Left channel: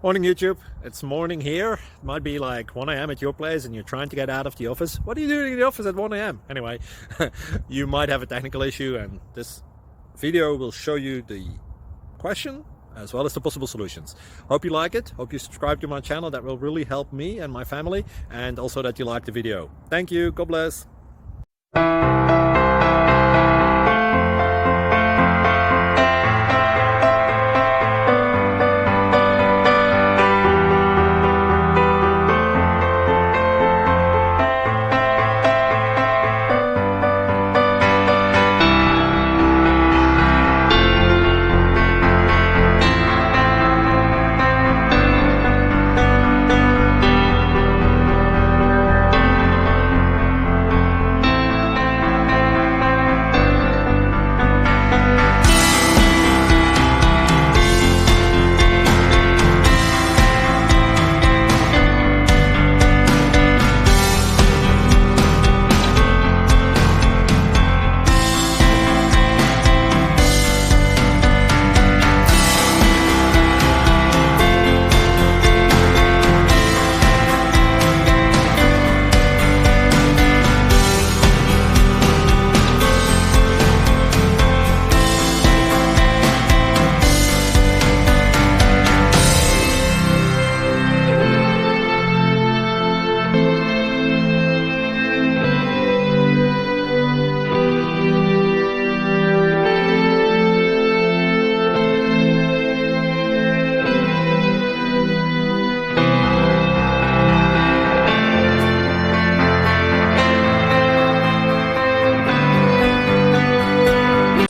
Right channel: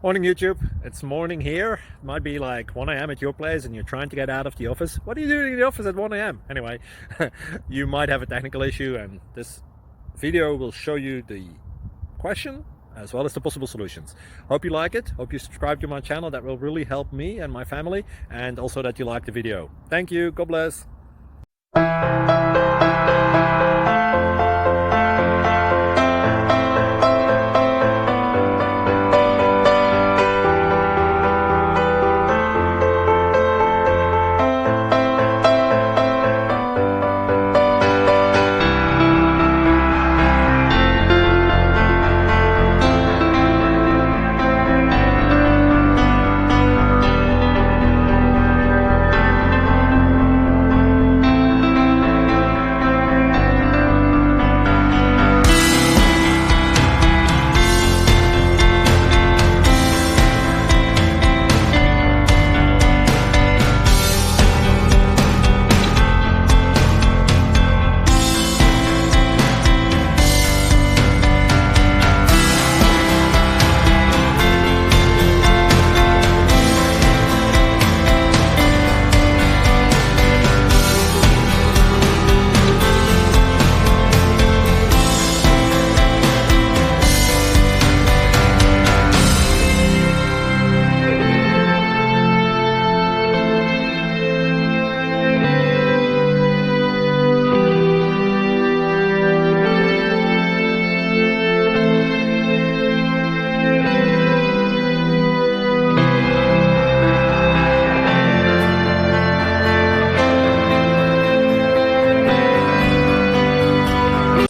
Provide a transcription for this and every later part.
Morning YouTube, it's morning here. It might be like 1 a.m. at your place and you're trying to get out of the office. What are you doing in the office at 1 a.m.? Anyway, you might have a technical issue and this video will show you the question as well as the possible solutions. Hope you like it, hope you subscribe to my channel. That will really help me and my family, and also that you like the video. Thank you, God bless.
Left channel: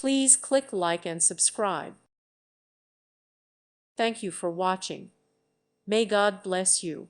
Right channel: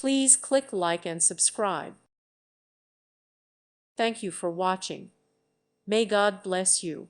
Please click like and subscribe. Thank you for watching. May God bless you.